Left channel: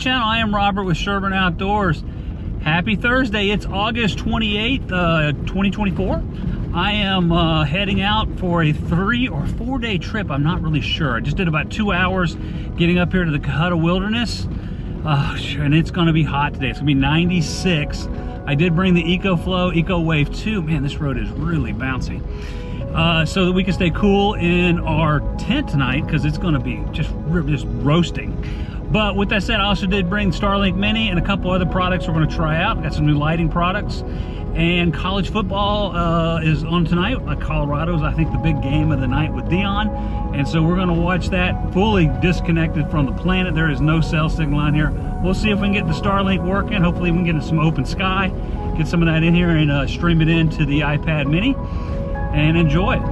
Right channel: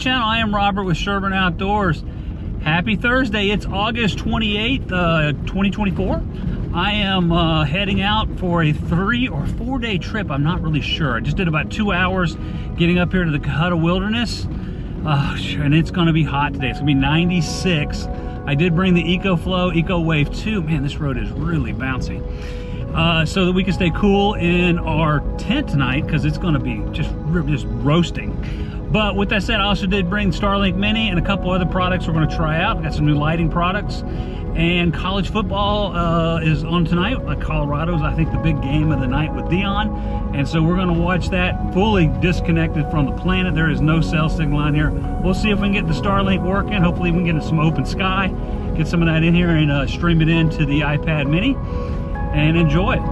channel. I am Robert with Sherburne Outdoors. Happy Thursday. It's August 28th, 2024. I am heading out for a 3 or 4 day trip. I'm not really sure. I just did about 2 hours getting up here to the Cohutta Wilderness. And it's going to be hot today. It's going to be 96. I did bring the EcoFlow Eco Wave 2. Man, this road is really bouncy. So that we can stay cool in our tent tonight, because it's going to be just roasting. But with that said, I also did bring Starlink Mini and a couple other products we're going to try out. Got some new lighting products. And college football is on tonight. Colorado's, I think, the big game of the night with Dion. And so we're going to watch that fully disconnected from the planet. There is no cell signal on here. We'll see if we can get the Starlink working. Hopefully we can get some open sky, get some of that in here and stream it into the iPad mini and enjoy it.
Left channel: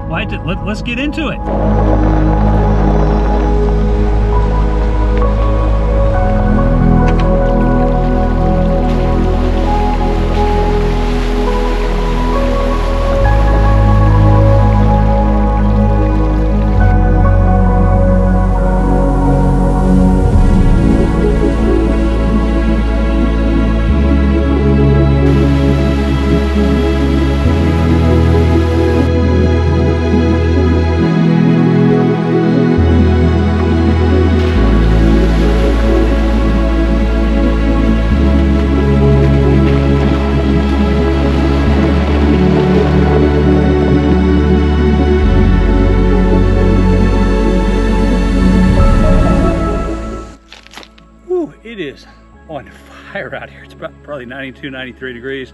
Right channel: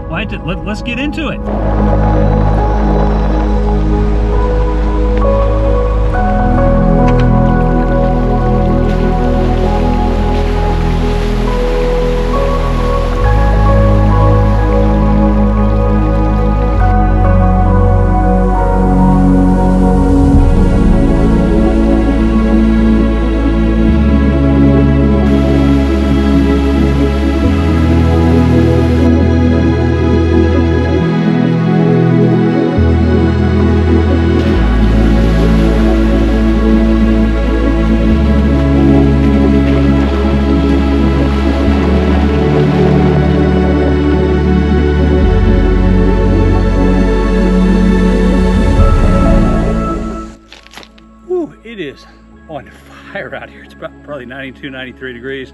Let's get into it. It is on fire out here. It's about probably 92, 93 degrees.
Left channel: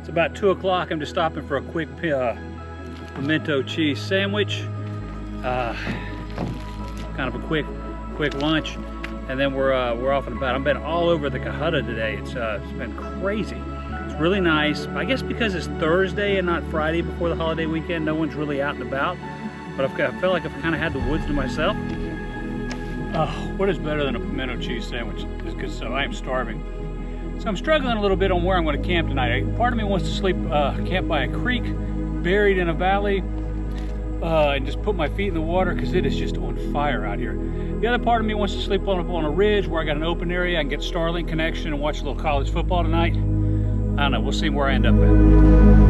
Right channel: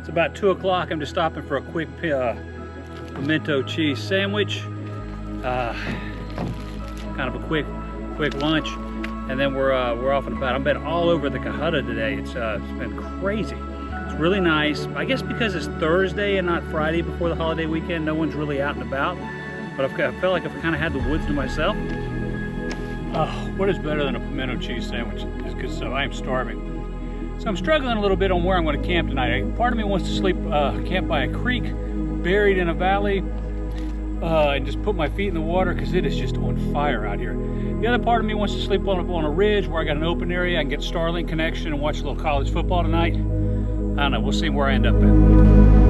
It's about 2 o'clock. I'm just stopping for a quick pimento cheese sandwich. Kind of a quick lunch, and then we're off and about. I've been all over the Cohutta today. It's been crazy. It's really nice. I guess because it's Thursday and not Friday before the holiday weekend, no one's really out and about. But I felt like I've kind of had the woods to myself. Oh, what is better than a pimento cheese sandwich? It's good stuff. I am starving. So I'm struggling a little bit on where I'm going to camp tonight. Part of me wants to sleep, camp by a creek, buried in a valley, and just put my feet in the water because it is just on fire out here. The other part of me wants to sleep on a ridge where I got an open area. I can get Starlink connection and watch a little college football tonight. I don't know. We'll see where I end up at.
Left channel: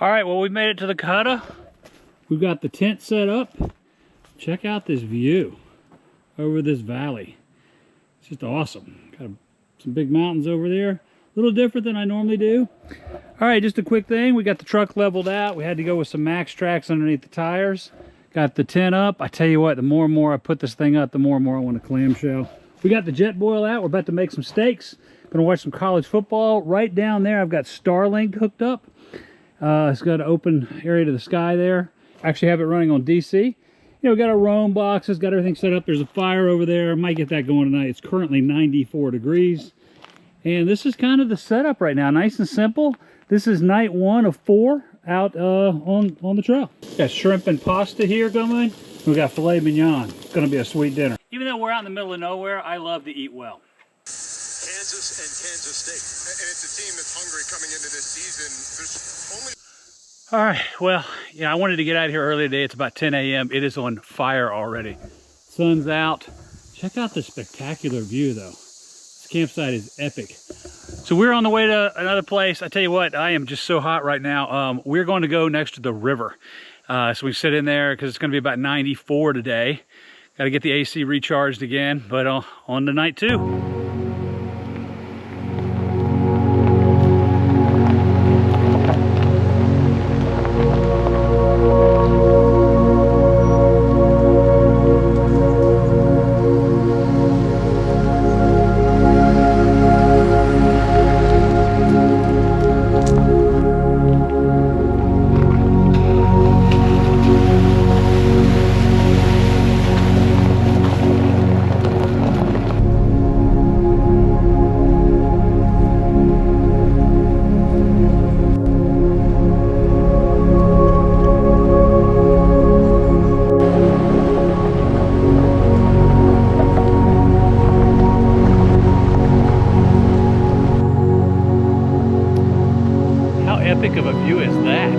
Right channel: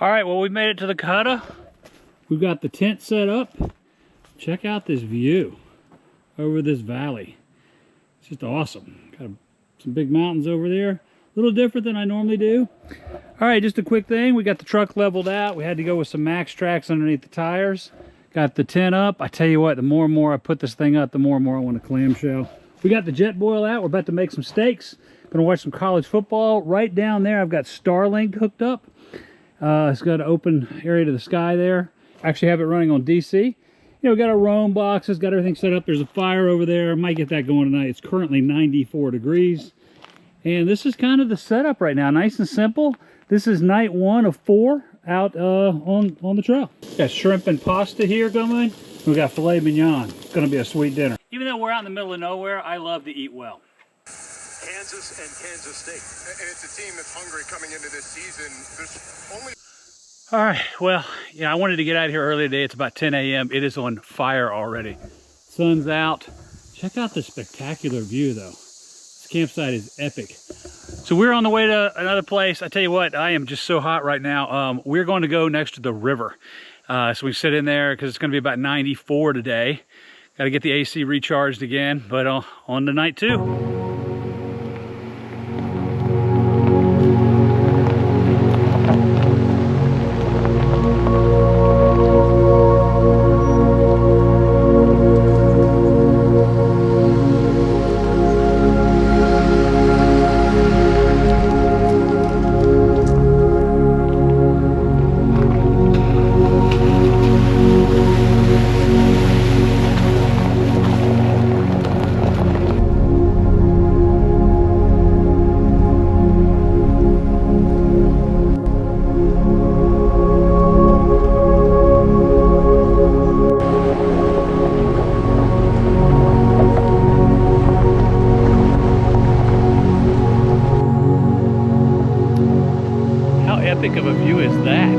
All right, well, we made it to the Cohutta. We've got the tent set up. Check out this view over this valley. It's just awesome. Got some big mountains over there. A little different than I normally do. All right, just a quick thing. We got the truck leveled out. We had to go with some Max Tracks underneath the tires. Got the tent up. I tell you what, the more and more I put this thing up, the more and more I want a clamshell. We got the jet boil out. We're about to make some steaks. Gonna watch some college football. Right down there, I've got Starlink hooked up. It's got an open area to the sky there. Actually have it running on DC. You know, we got our roam boxes, got everything set up. There's a fire over there. I might get that going tonight. It's currently 94 degrees. And this is kind of the setup right now. Nice and simple. This is night 1 of 4 out on the trail. Got shrimp and pasta here going. We got filet mignon. It's going to be a sweet dinner. Even though we're out in the middle of nowhere, I love to eat well. Kansas and Kansas State. And it's a team that's hungry coming into this season. There's only... All right, well, yeah, I wanted to get out of here early today. It's about 10 a.m. It is on fire already. Sun's out. Check out the spectacular view though. This campsite is epic. So we're on the way to another place. I tell you what, I am just so hot right now. We're going to go next to the river. So we sit in there because it's going to be about 94 today. Got to get the AC recharged again, but on to night 2. How epic of a view is that?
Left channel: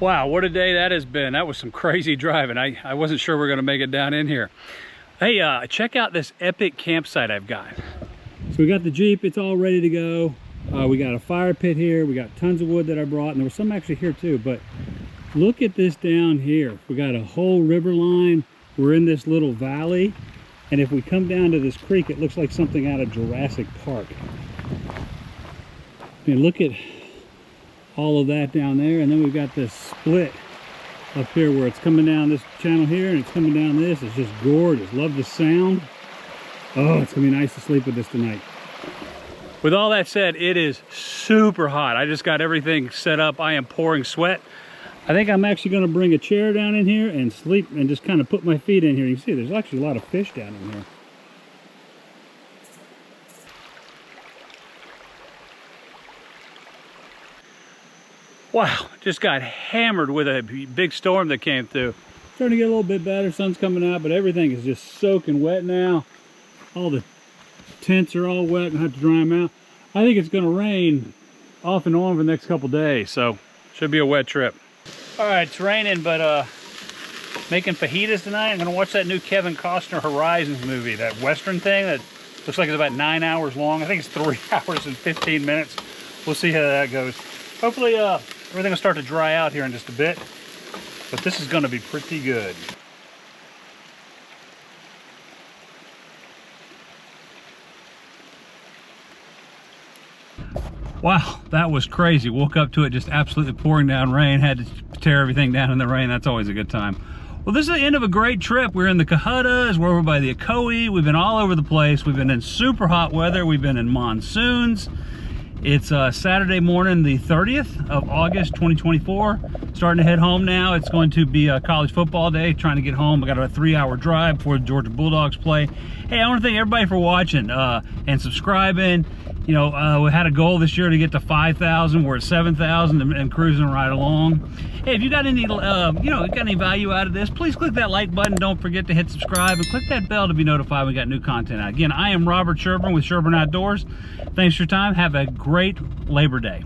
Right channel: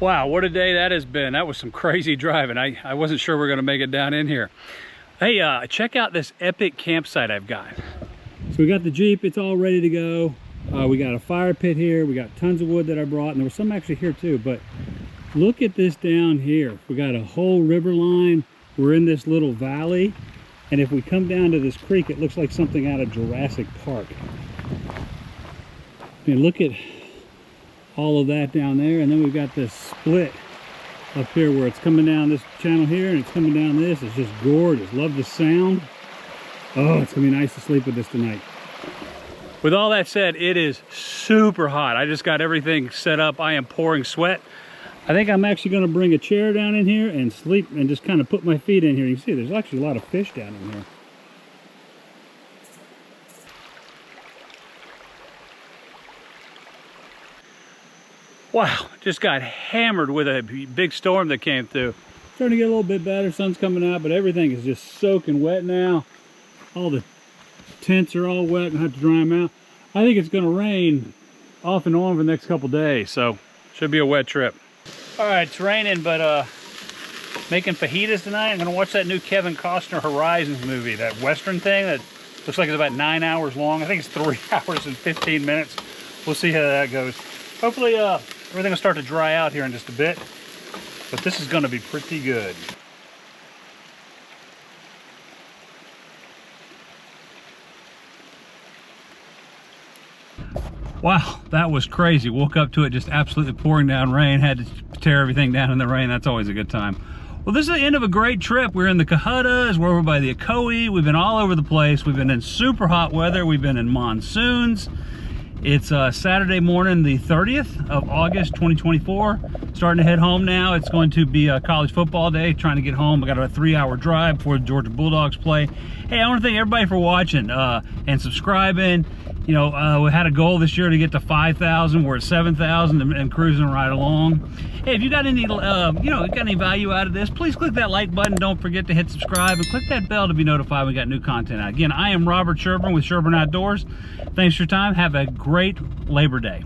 Wow, what a day that has been. That was some crazy driving. I wasn't sure we were gonna make it down in here. Hey, check out this epic campsite I've got. So we got the Jeep, it's all ready to go. We got a fire pit here. We got tons of wood that I brought, and there was some actually here too, but look at this down here. We got a whole river line. We're in this little valley, and if we come down to this creek, it looks like something out of Jurassic Park. I mean, look at all of that down there, and then we've got this split up here where it's coming down this channel here and it's coming down this. It's just gorgeous. Love the sound. Oh, it's gonna be nice to sleep with this tonight. With all that said, it is super hot. I just got everything set up. I am pouring sweat. I think I'm actually gonna bring a chair down in here and sleep and just kind of put my feet in here. You see, there's actually a lot of fish down in here. Wow, just got hammered with a big storm that came through. Starting to get a little bit better, sun's coming out, but everything is just soaking wet now. All the tents are all wet and have to dry them out. I think it's gonna rain off and on for the next couple days, so should be a wet trip. All right, it's raining, but making fajitas tonight. I'm gonna watch that new Kevin Costner Horizons movie, that Western thing that looks like it's about 9 hours long. I think it's 3 hours and 15 minutes. We'll see how that goes. Hopefully everything will start to dry out here in just a bit, but this is gonna be pretty good. Wow, that was crazy. Woke up to it just absolutely pouring down rain. Had to tear everything down in the rain. That's always a good time. Well, this is the end of a great trip. We're in the Cohuttas. We're over by the Ocoee. We've been all over the place. We've been in super hot weather. We've been in monsoons. It's Saturday morning, the 30th of August, 2024. Starting to head home now. It's going to be a college football day. Trying to get home. I got a 3-hour drive before the Georgia Bulldogs play. Hey, I want to thank everybody for watching and subscribing. You know, we had a goal this year to get to 5,000. We're at 7,000 and cruising right along. Hey, if you got any, got any value out of this, please click that like button. Don't forget to hit subscribe and click that bell to be notified when we got new content out. Again, I am Robert Sherburne with Sherburne Outdoors. Thanks for your time. Have a great Labor Day.